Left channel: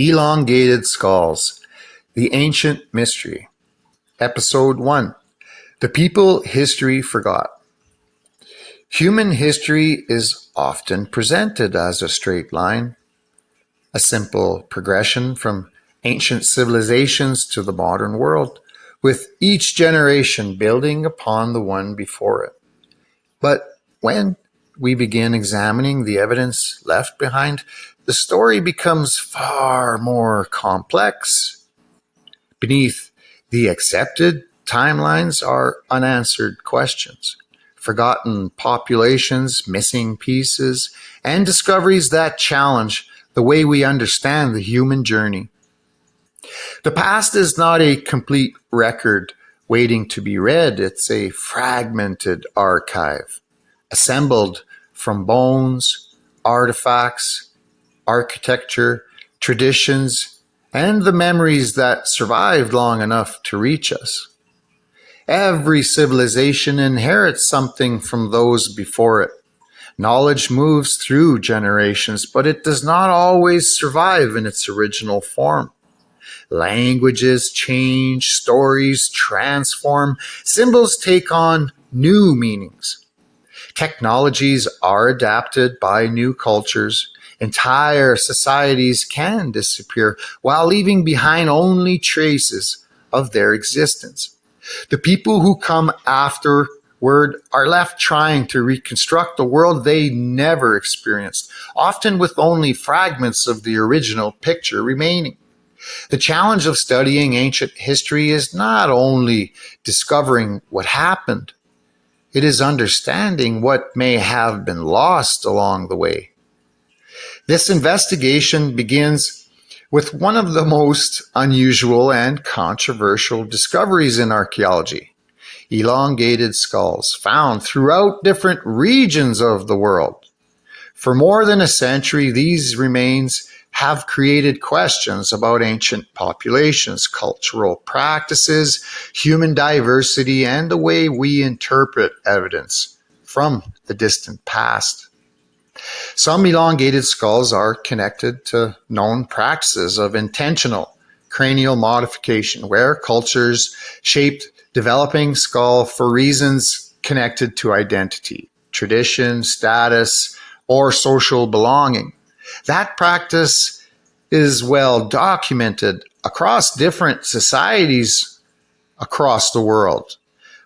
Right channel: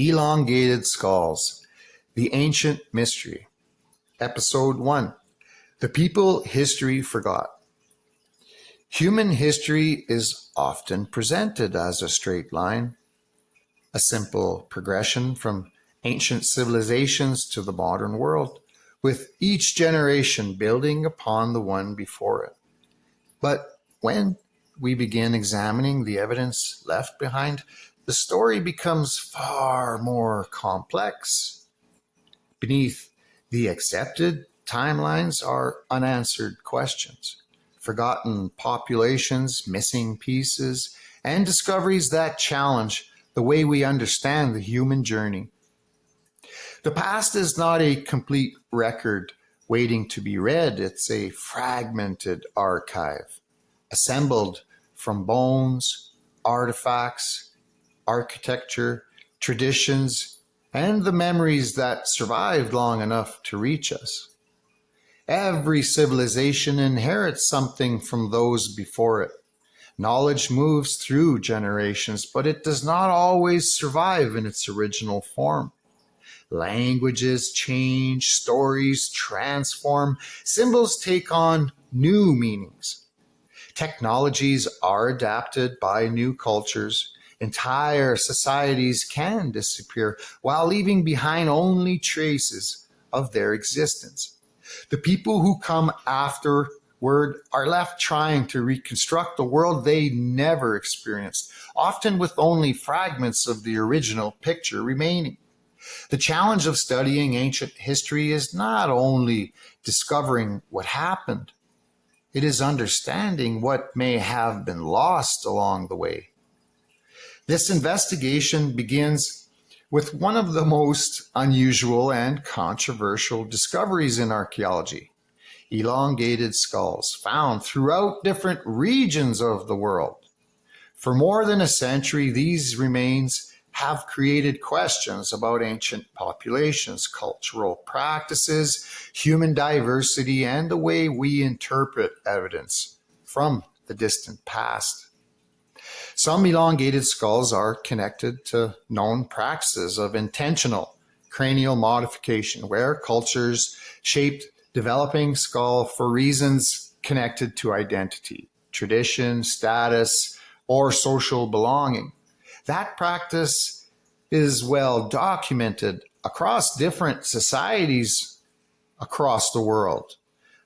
Elongated Skulls, The Ancient Mystery. Episode 1, The People History Forgot. Human history is often presented as a straight line, a simple progression from ancient civilizations to the modern world, with each generation building upon the one before it. But when we begin examining the evidence left behind, the story becomes far more complex. Beneath the accepted timelines are unanswered questions, forgotten populations, missing pieces, and discoveries that challenge the way we understand the human journey. The past is not a complete record waiting to be read. It's a fragmented archive, assembled from bones, artifacts, architecture, traditions, and the memories that survived long enough to reach us. Every civilization inherits something from those before it. Knowledge moves through generations, but it does not always survive in its original form. Languages change, stories transform, symbols take on new meanings. Technologies are adapted by new cultures. Entire societies can disappear while leaving behind only traces of their existence. The people who come afterward are left trying to reconstruct the world they never experienced, often with only fragments of the original picture remaining. The challenge of studying ancient history is not only discovering what happened, it is understanding what may have been lost along the way. This investigation begins with one of the most unusual and controversial discoveries in archaeology: elongated skulls found throughout different regions of the world. For more than a century, these remains have created questions about ancient populations, cultural practices, human diversity, and the way we interpret evidence from the distant past. Some elongated skulls are connected to known practices of intentional cranial modification, where cultures shaped developing skull for reasons connected to identity, tradition, status, or social belonging. That practice is well documented across different societies across the world.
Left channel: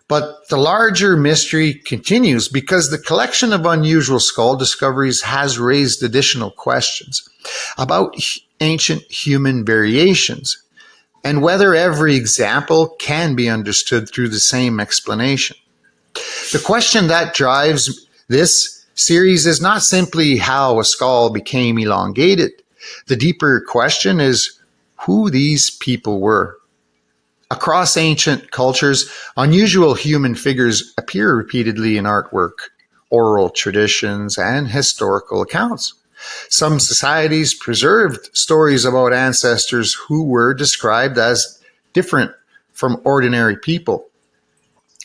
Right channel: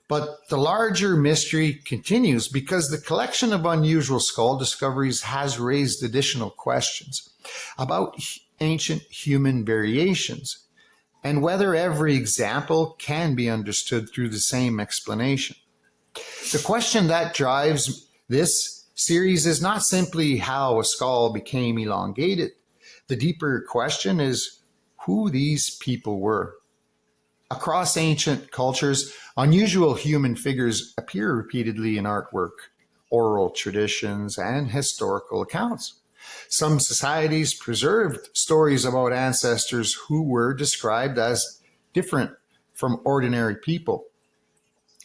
But the larger mystery continues because the collection of unusual skull discoveries has raised additional questions about ancient human variations and whether every example can be understood through the same explanation. The question that drives this series is not simply how a skull became elongated. The deeper question is who these people were. Across ancient cultures, unusual human figures appear repeatedly in artwork, oral traditions, and historical accounts. Some societies preserved stories about ancestors who were described as different from ordinary people.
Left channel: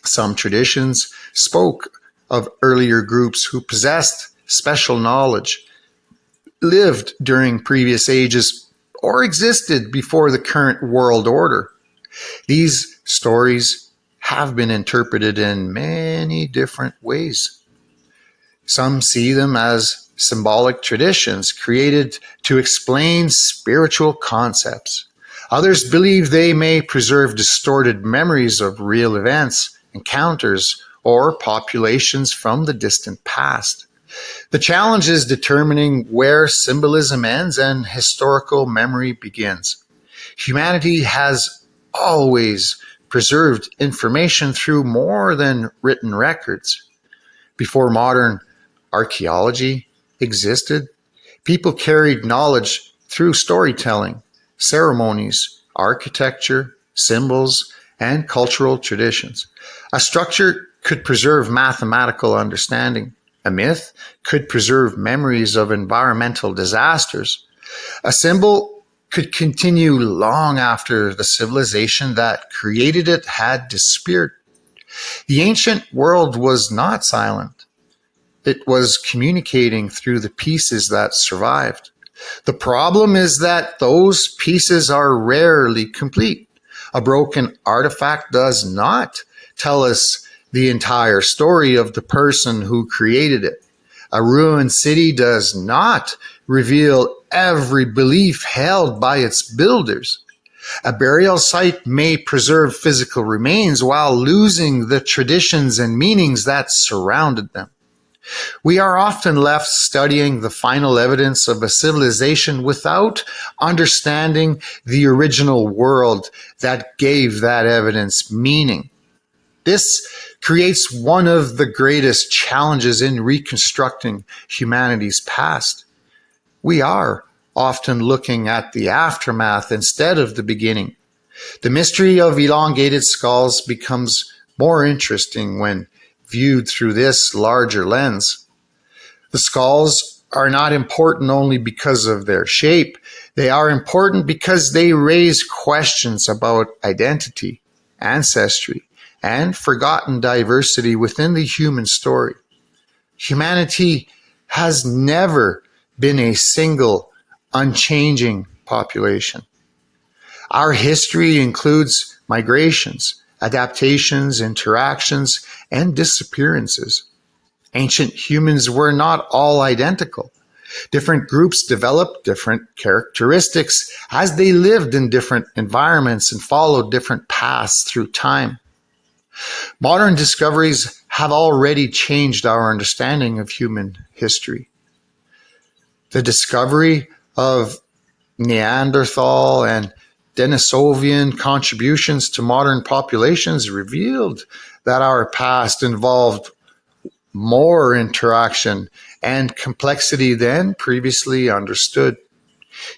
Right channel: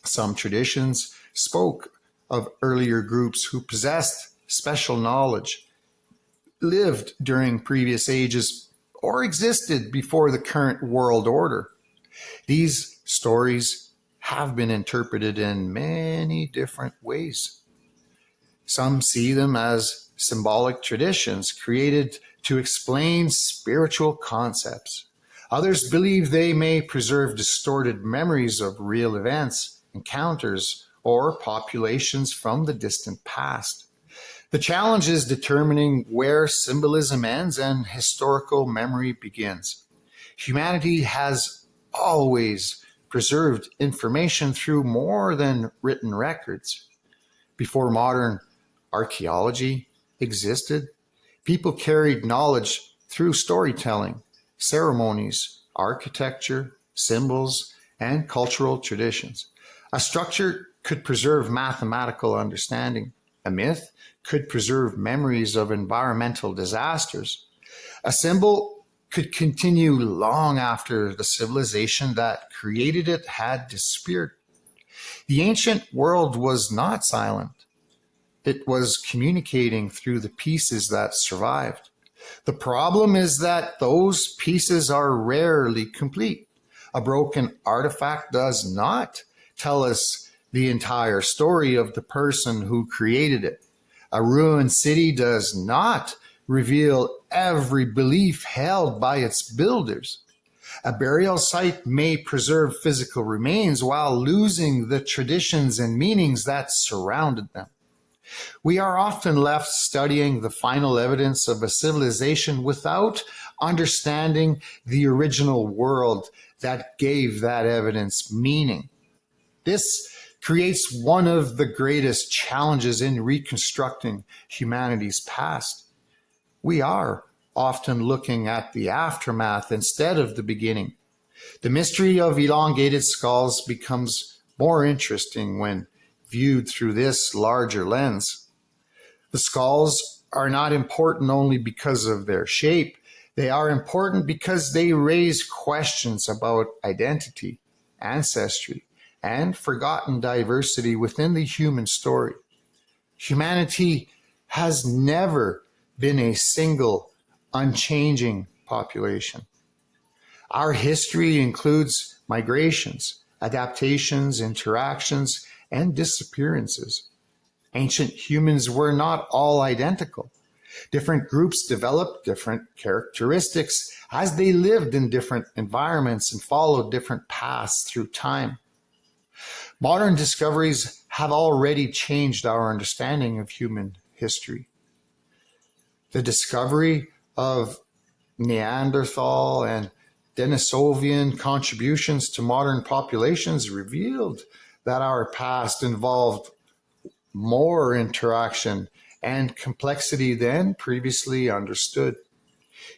Some traditions spoke of earlier groups who possessed special knowledge, lived during previous ages, or existed before the current world order. These stories have been interpreted in many different ways. Some see them as symbolic traditions created to explain spiritual concepts. Others believe they may preserve distorted memories of real events, encounters, or populations from the distant past. The challenge is determining where symbolism ends and historical memory begins. Humanity has always preserved information through more than written records. Before modern archaeology existed, people carried knowledge through storytelling, ceremonies, architecture, symbols, and cultural traditions. A structure could preserve mathematical understanding. A myth could preserve memories of environmental disasters. A symbol could continue long after the civilization that created it had disappeared. The ancient world was not silent. It was communicating through the pieces that survived. The problem is that those pieces are rarely complete. A broken artifact does not tell us the entire story of the person who created it. A ruined city does not reveal every belief held by its builders. A burial site may preserve physical remains while losing the traditions and meanings that surrounded them. We are often left studying the final evidence of a civilization without understanding the original world that gave that evidence meaning. This creates one of the greatest challenges in reconstructing humanity's past. We are often looking at the aftermath instead of the beginning. The mystery of elongated skulls becomes more interesting when viewed through this larger lens. The skulls are not important only because of their shape. They are important because they raise questions about identity, ancestry, and forgotten diversity within the human story. Humanity has never been a single, unchanging population. Our history includes migrations, adaptations, interactions, and disappearances. Ancient humans were not all identical. Different groups developed different characteristics as they lived in different environments and followed different paths through time. Modern discoveries have already changed our understanding of human history. The discovery of Neanderthal and Denisovian contributions to modern populations revealed that our past involved more interaction and complexity than previously understood.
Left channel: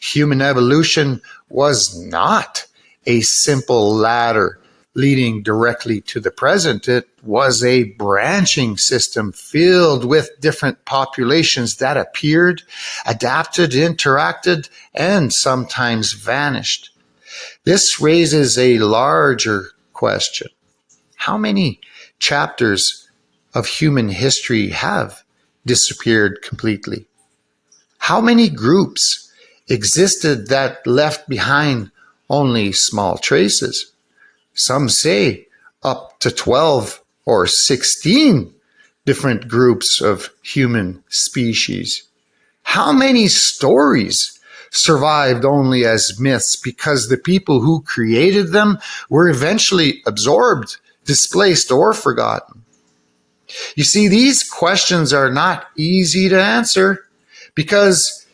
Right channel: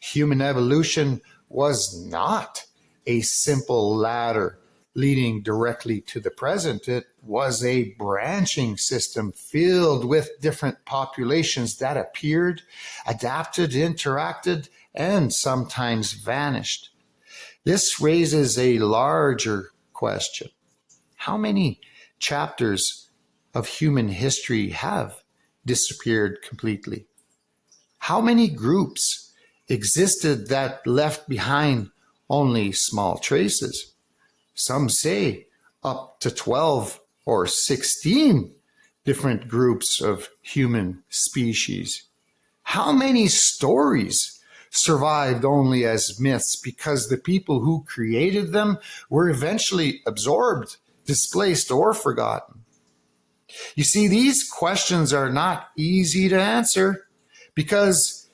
Human evolution was not a simple ladder leading directly to the present. It was a branching system filled with different populations that appeared, adapted, interacted, and sometimes vanished. This raises a larger question. How many chapters of human history have disappeared completely? How many groups existed that left behind only small traces? Some say up to 12 or 16 different groups of human species. How many stories survived only as myths because the people who created them were eventually absorbed, displaced, or forgotten? You see, these questions are not easy to answer because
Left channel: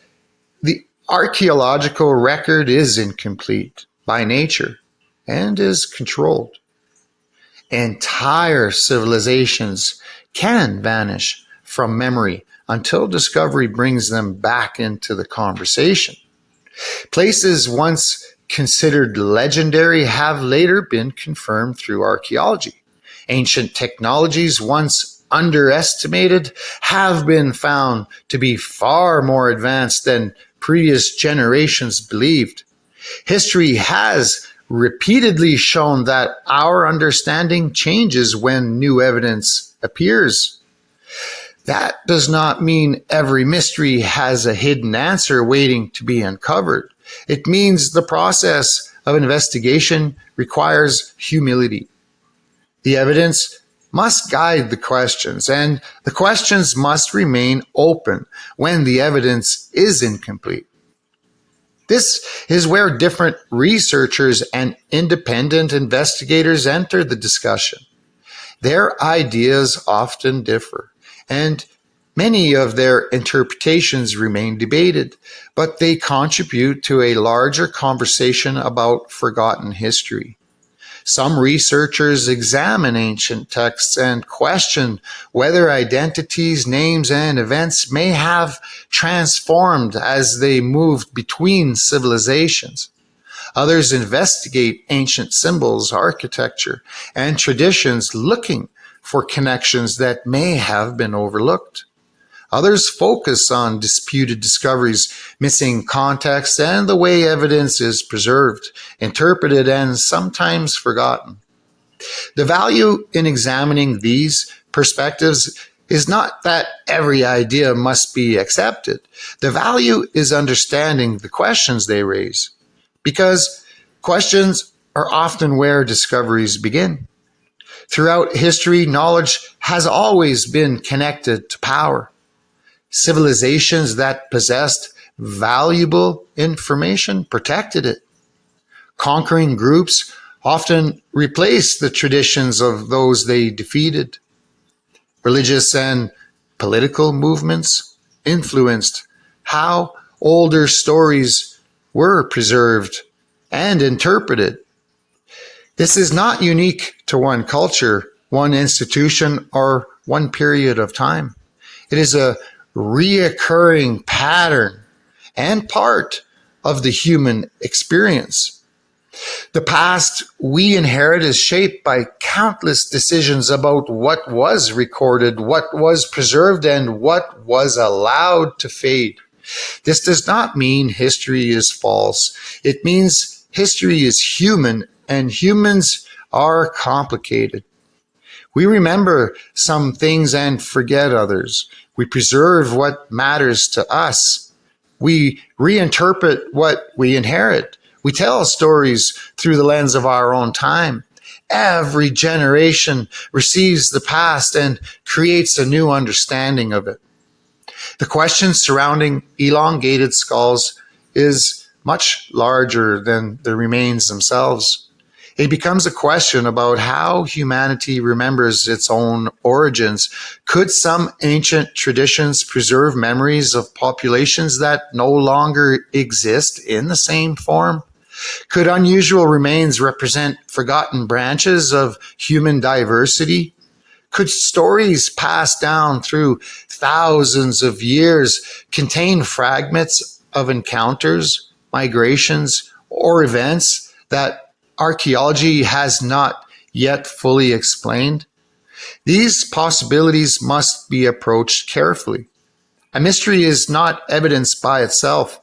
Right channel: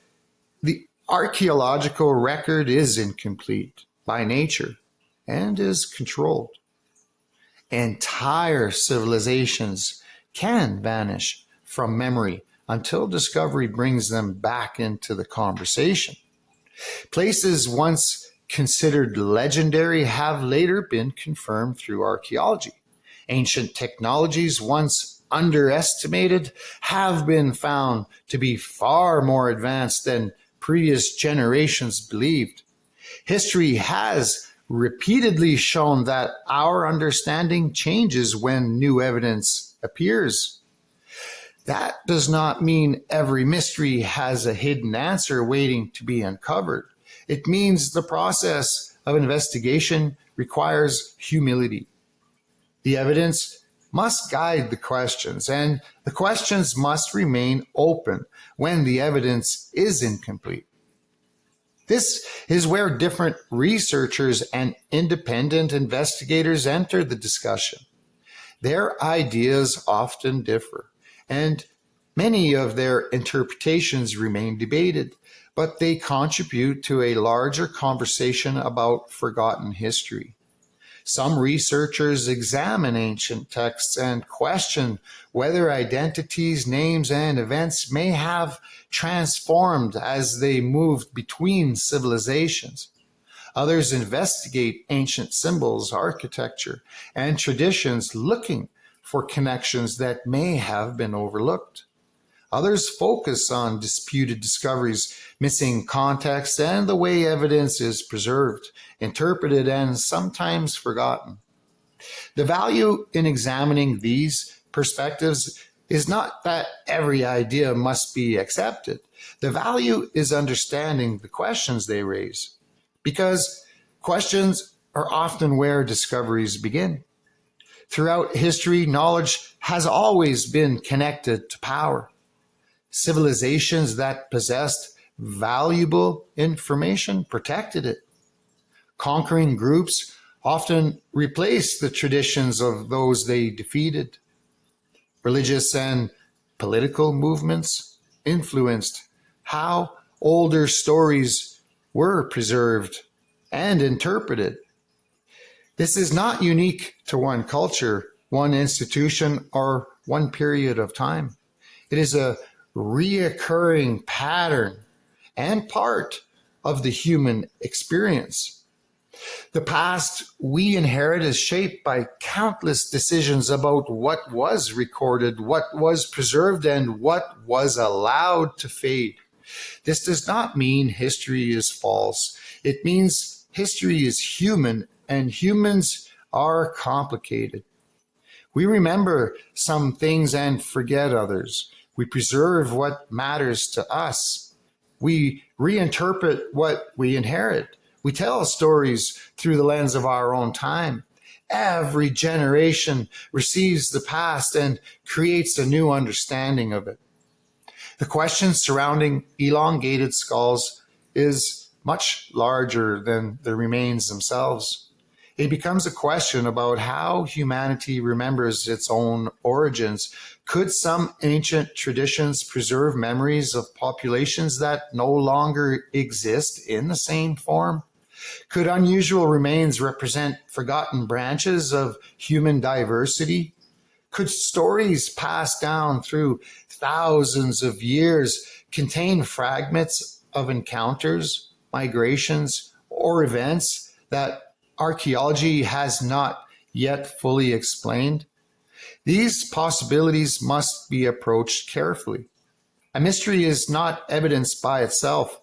the archaeological record is incomplete by nature and is controlled. Entire civilizations can vanish from memory until discovery brings them back into the conversation. Places once considered legendary have later been confirmed through archaeology. Ancient technologies once underestimated have been found to be far more advanced than previous generations believed. History has repeatedly shown that our understanding changes when new evidence appears. That does not mean every mystery has a hidden answer waiting to be uncovered. It means the process of investigation requires humility. The evidence must guide the questions, and the questions must remain open when the evidence is incomplete. This is where different researchers and independent investigators enter the discussion. Their ideas often differ, and many of their interpretations remain debated, but they contribute to a larger conversation about forgotten history. Some researchers examine ancient texts and question whether identities, names, and events may have transformed as they moved between civilizations. Others investigate ancient symbols, architecture, and traditions, looking for connections that may have been overlooked. Others focus on disputed discoveries, missing context, and the way evidence is preserved, interpreted, and sometimes forgotten. The value in examining these perspectives is not that every idea must be accepted. The value is understanding the questions they raise, because questions are often where discoveries begin. Throughout history, knowledge has always been connected to power. Civilizations that possessed valuable information protected it. Conquering groups often replaced the traditions of those they defeated. Religious and political movements influenced how older stories were preserved and interpreted. This is not unique to one culture, one institution, or one period of time. It is a reoccurring pattern and part of the human experience. The past we inherit is shaped by countless decisions about what was recorded, what was preserved, and what was allowed to fade. This does not mean history is false. It means history is human, and humans are complicated. We remember some things and forget others. We preserve what matters to us. We reinterpret what we inherit. We tell stories through the lens of our own time. Every generation receives the past and creates a new understanding of it. The question surrounding elongated skulls is much larger than the remains themselves. It becomes a question about how humanity remembers its own origins. Could some ancient traditions preserve memories of populations that no longer exist in the same form? Could unusual remains represent forgotten branches of human diversity? Could stories passed down through thousands of years contain fragments of encounters, migrations, or events that archaeology has not yet fully explained? These possibilities must be approached carefully. A mystery is not evidence by itself.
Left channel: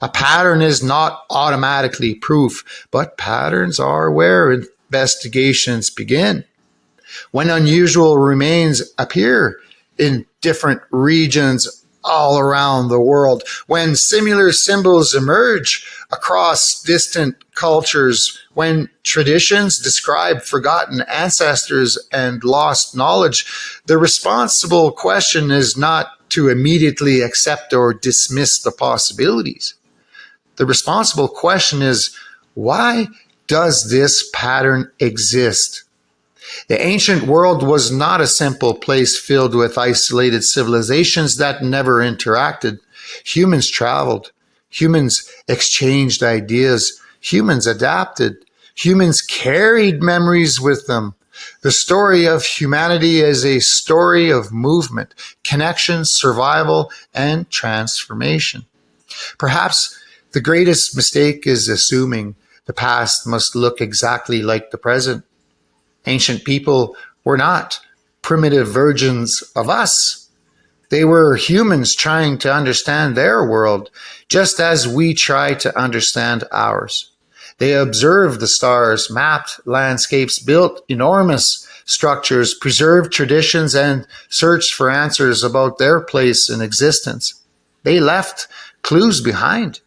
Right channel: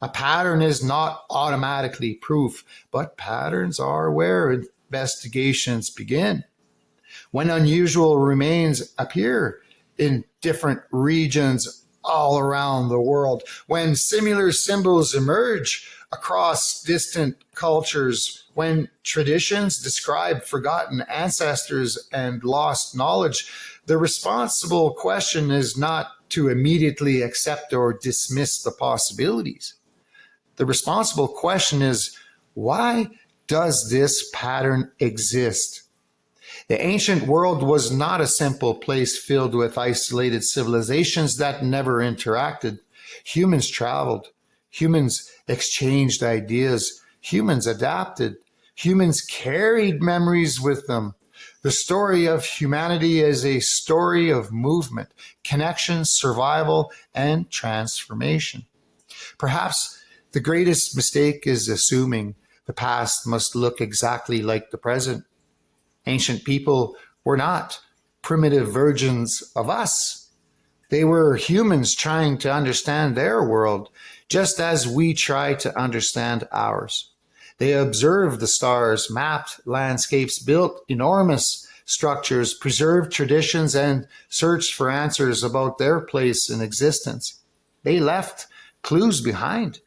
A pattern is not automatically proof, but patterns are where investigations begin. When unusual remains appear in different regions all around the world, when similar symbols emerge across distant cultures, when traditions describe forgotten ancestors and lost knowledge, the responsible question is not to immediately accept or dismiss the possibilities. The responsible question is, why does this pattern exist? The ancient world was not a simple place filled with isolated civilizations that never interacted. Humans traveled. Humans exchanged ideas. Humans adapted. Humans carried memories with them. The story of humanity is a story of movement, connection, survival, and transformation. Perhaps the greatest mistake is assuming the past must look exactly like the present. Ancient people were not primitive versions of us. They were humans trying to understand their world, just as we try to understand ours. They observed the stars, mapped landscapes, built enormous structures, preserved traditions, and searched for answers about their place in existence. They left clues behind.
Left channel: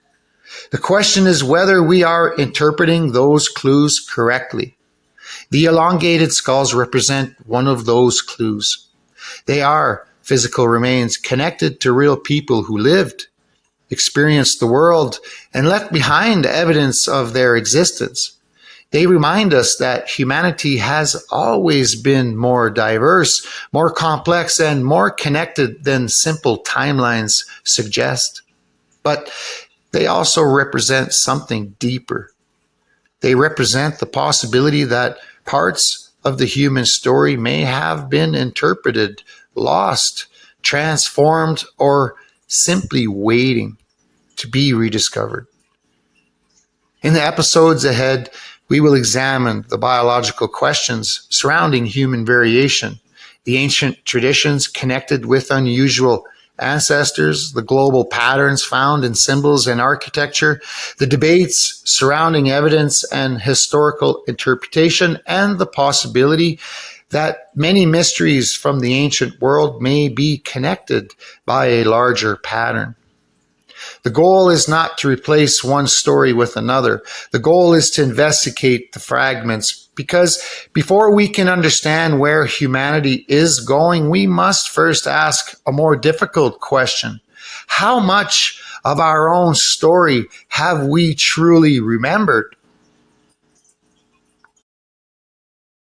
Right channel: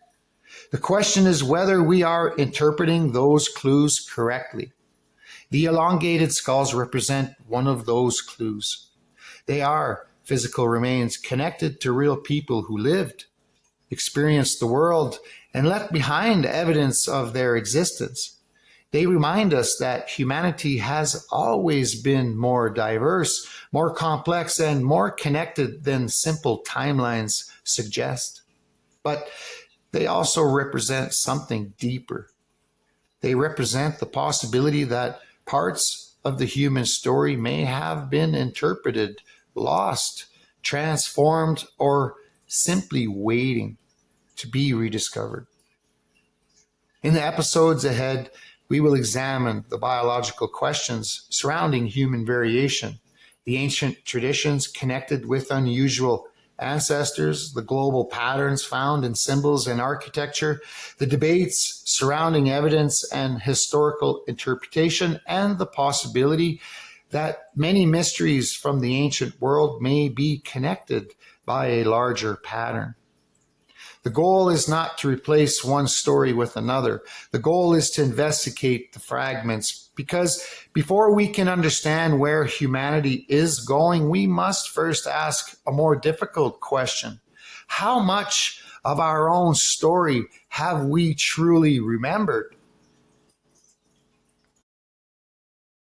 The question is whether we are interpreting those clues correctly. The elongated skulls represent one of those clues. They are physical remains connected to real people who lived, experienced the world, and left behind evidence of their existence. They remind us that humanity has always been more diverse, more complex, and more connected than simple timelines suggest. But they also represent something deeper. They represent the possibility that parts of the human story may have been interpreted, lost, transformed, or simply waiting to be rediscovered. In the episodes ahead, we will examine the biological questions surrounding human variation, the ancient traditions connected with unusual ancestors, the global patterns found in symbols and architecture, the debates surrounding evidence and historical interpretation, and the possibility that many mysteries from the ancient world may be connected by a larger pattern. The goal is not to replace one story with another. The goal is to investigate the fragments, because before we can understand where humanity is going, we must first ask a more difficult question. How much of our own story have we truly remembered?